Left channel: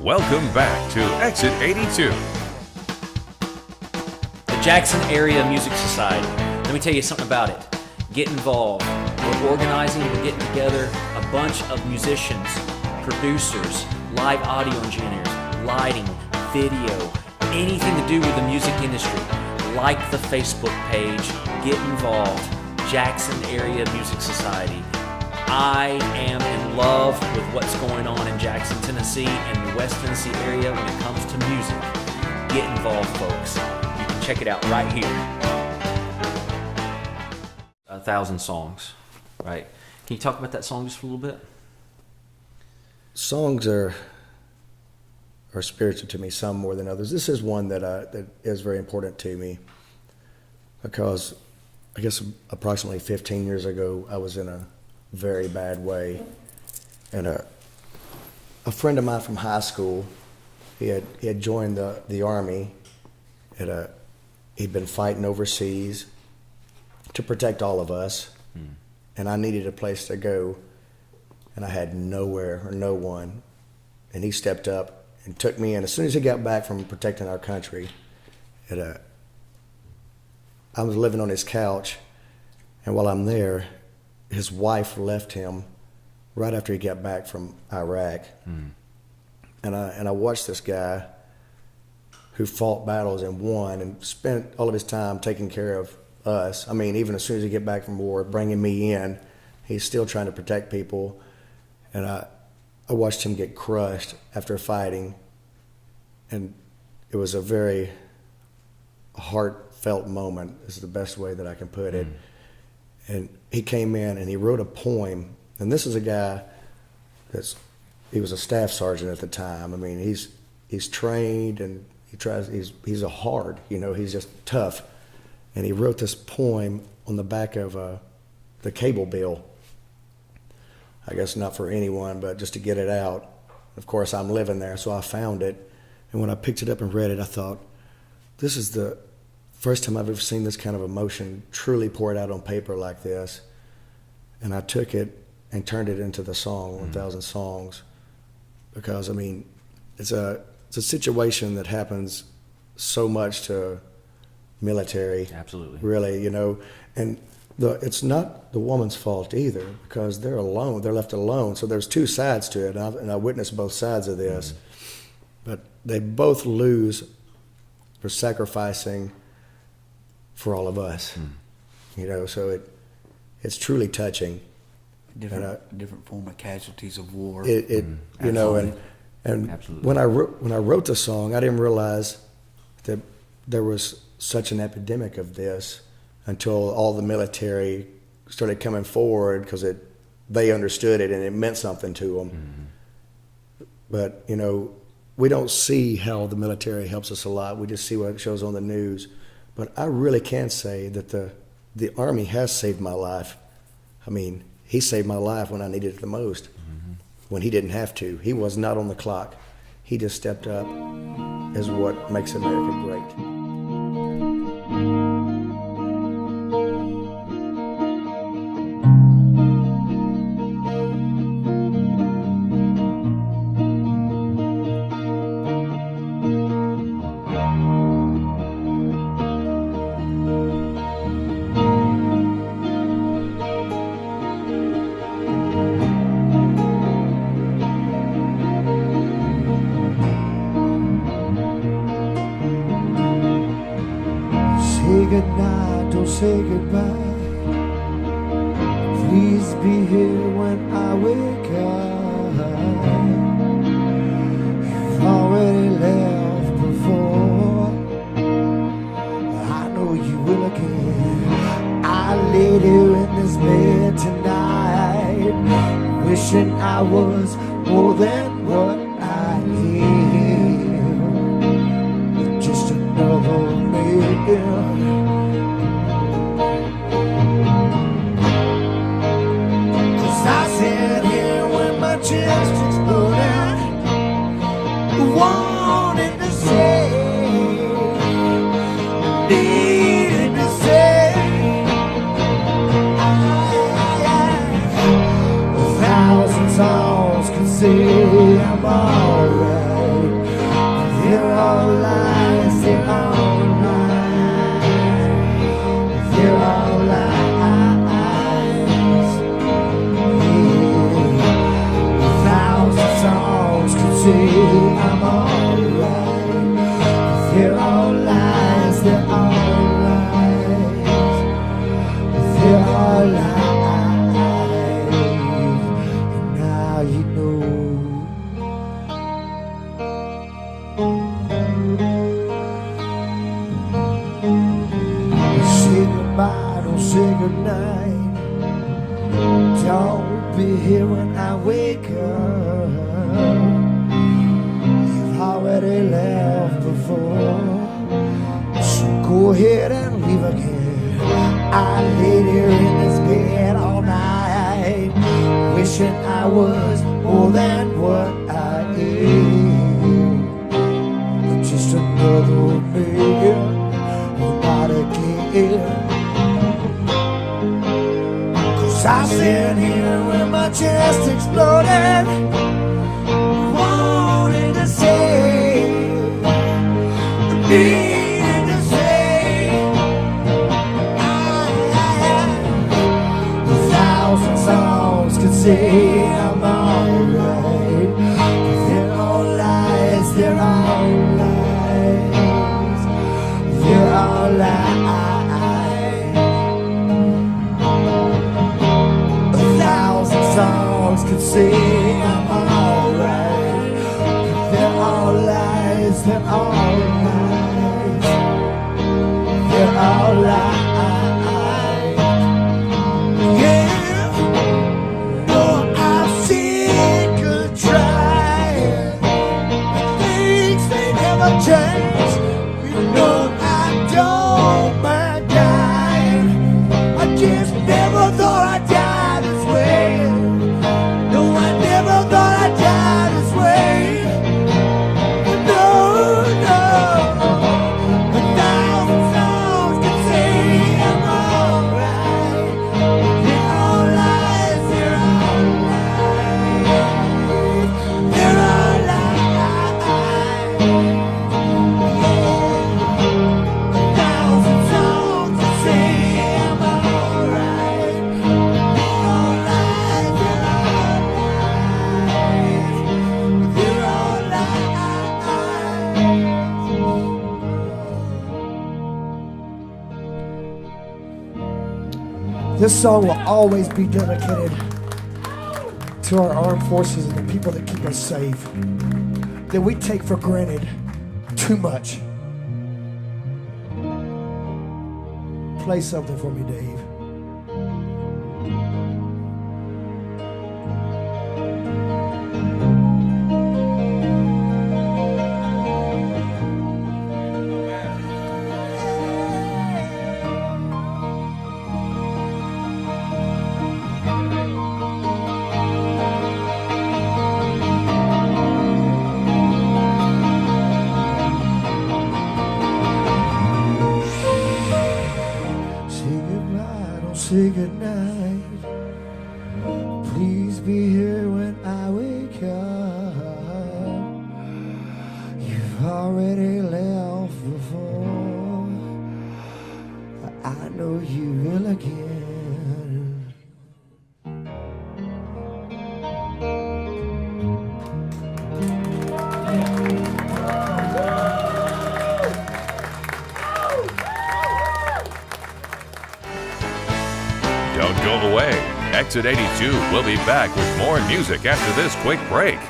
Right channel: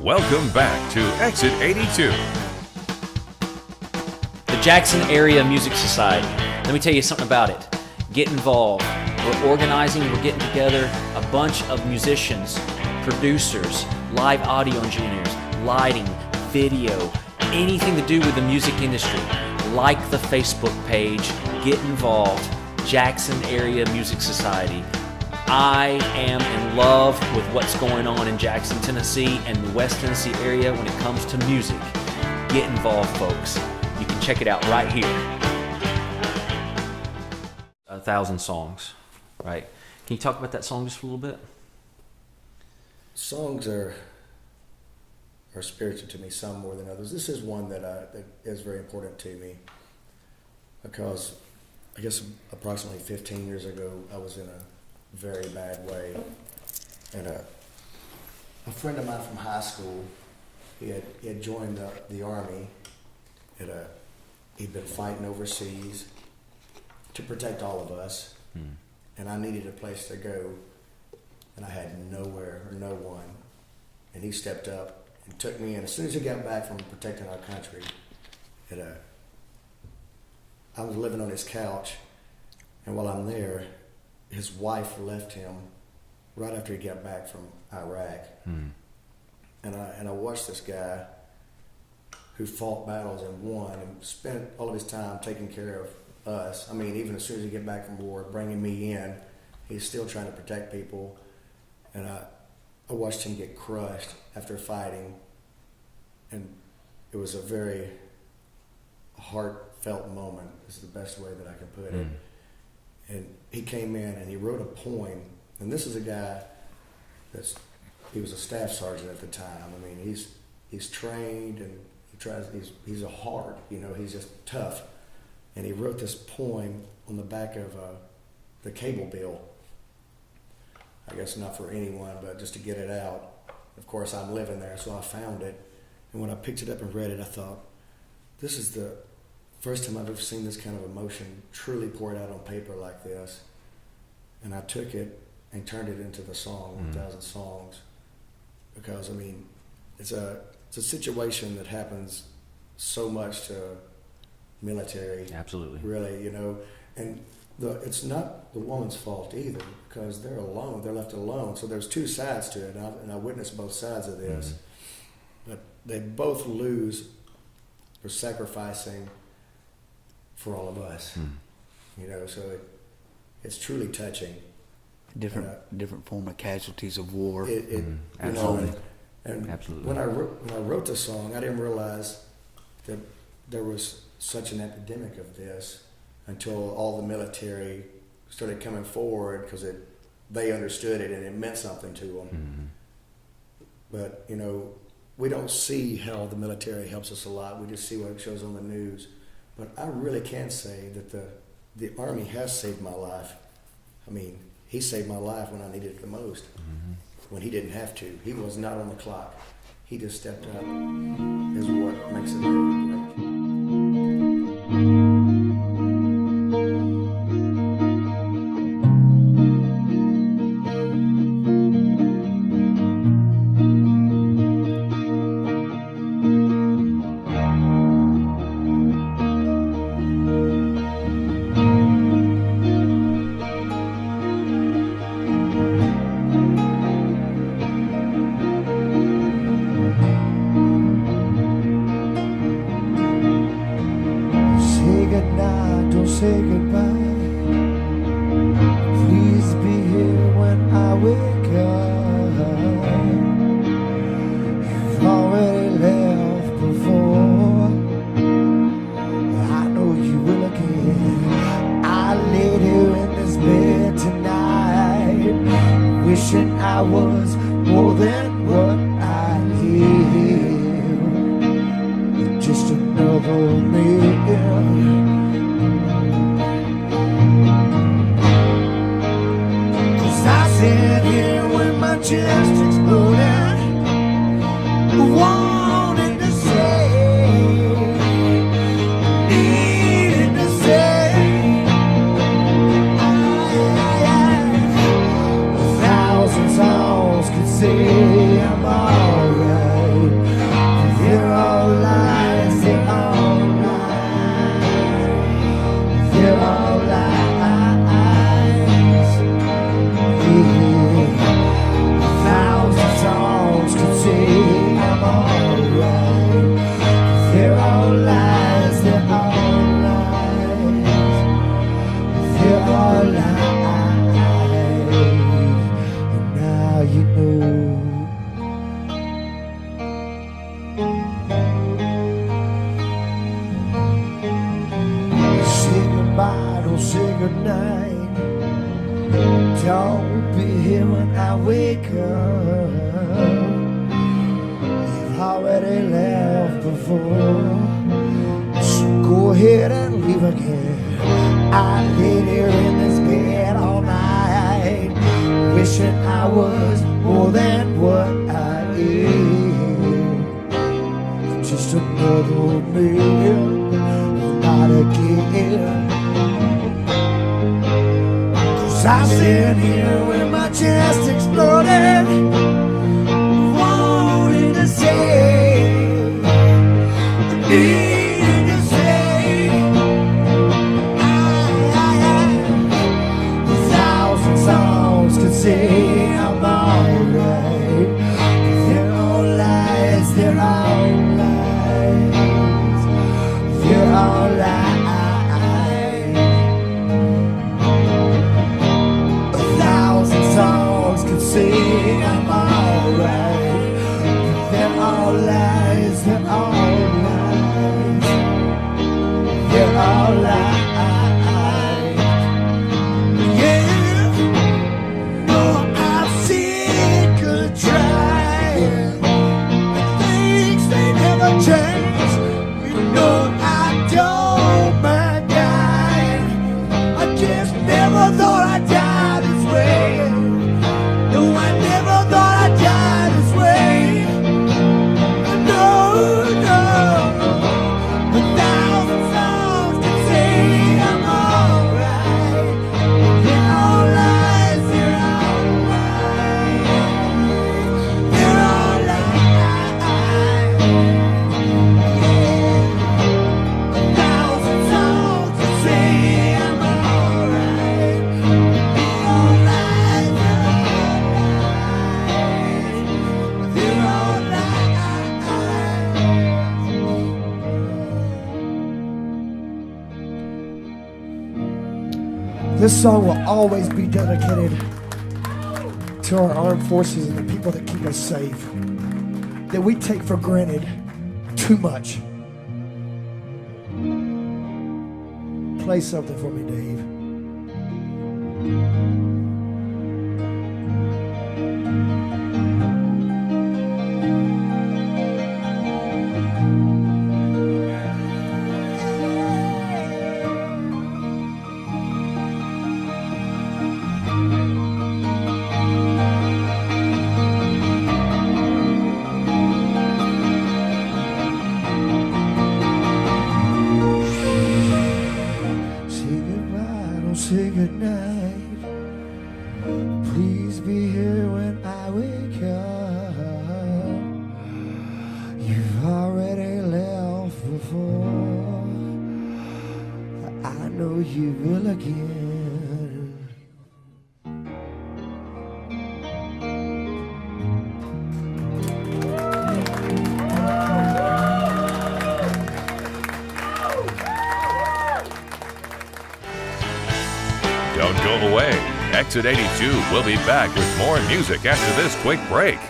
Welcome back to Exit 82. The Jackson Area Music Society. Let me tell you something about it. Get involved. We're organizing, we're getting together a bunch of musicians, producers, live audio engineers, lighting, video, anything to do with the music industry. Like the Facebook page, get involved. Jackson Area Music Society. I am in love with what's going on in Jackson, Tennessee and the West Tennessee area when it comes to music. Get involved, folks. You can check it out right here. 1,000 songs, right? Can you talk about that song just for a little bit? Songs are spiritual to me, some more than others. This is one that is very important to me because I guess approximately 15 years ago, I was in a very bad way. And a friend of mine from high school, he had joined the Army. He'd been fighting overseas to protect all of us. And I needed a place to go, and I had nowhere or no one. And he stepped up and took me in. As soon as he got back from protecting our country, I was living on his couch, and while I'm there, his wife left him right after he got back from Iraq. And I watched this guy who fought battles and won and spent all of his time taking care of us. I mean, even as soon as he get back from war, bringing me in, he's still trying to protect people. And I watched him get crushed after fighting. And it was a very heartfelt moment, is the best way that I can put it. And he came in and he wrote a poem. And this is a guy he was a staff sergeant at the time. I mean, he's trained and he's a hard, he's just tough. And he wrote this poem on the back of the cable bill. I guess not for anyone, but just to get it out. Of course, I'm living there, so I found it. And when I picked it up and read it, I thought, this is the first time I've ever seen this kind of emotion truly poured out on paper like this. And I took it and turned it into the song, 1,000 Songs. Because, I mean, it's a situation that happens so much to military. Absolutely. Really, and it's not the woman's fault either, because they're alone, they're left alone. So there's two sides to it, and I witnessed both sides of this. But they both lose for sacrificing for all of us. So it's truly touching. Different form of casualties of war. And Absolutely. when I wrote the song, I didn't realize that there was such an epidemic of this until all the military started coming forward, because they understood it and it meant something to them. But we don't see how the military helps us a lot. We just see what it shows on the news. But I really can say that the Army has saved my life. I mean, he saved my life when I needed it the most, when he didn't have to. He was not on the clock. He just stepped up as what makes America great. Say goodbye. Please be here when I wake up. You've already left before. I know you will again. I laid here in this bed tonight, wishing I was more than what I need. Just another million. Just exploding, wanting to say, needed to say, 1,000 songs can say I'm alright. say I'm alright. They're all lies, they're all lies. They're all lies. And now you know. Say goodbye, don't say goodnight. Don't be here when I wake up. You've already left before, so go ahead and leave again. I laid here in this bed all night, wishing I was more than what I am. Just another day, not again. 'Cause I sit here with my chest exploding, wanting to say, needing to say, a thousand songs can say I'm alright. They're all lies, they're all lies, they're all lies. A thousand songs can say I'm alright. They're all lies, they're all lies, they're all lies. Yeah, no, I've seen good try. Things may never change. You know I don't mind dying. I just never thought I'd die this way. No, I never thought I'd die this way. No, no. A thousand songs can say I'm alright. They're all lies, they're all lies. They're all lies. A thousand songs can say I'm alright. All lies, they're all lies. This song will always be dedicated to our armed forces and the people that keep us safe, that we take for granted too much. Play something for me, Dave. Say goodbye, don't say goodnight. Please be here when I wake up. You've already left before. I know you will again. Don't go away. Exit 82 will be back with more music after this quick break.